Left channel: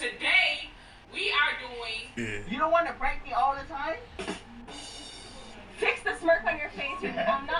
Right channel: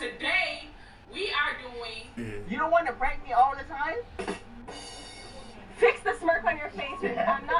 today we are doing. You don't want to prank me all the time? Fix the smirk on your face. I'm not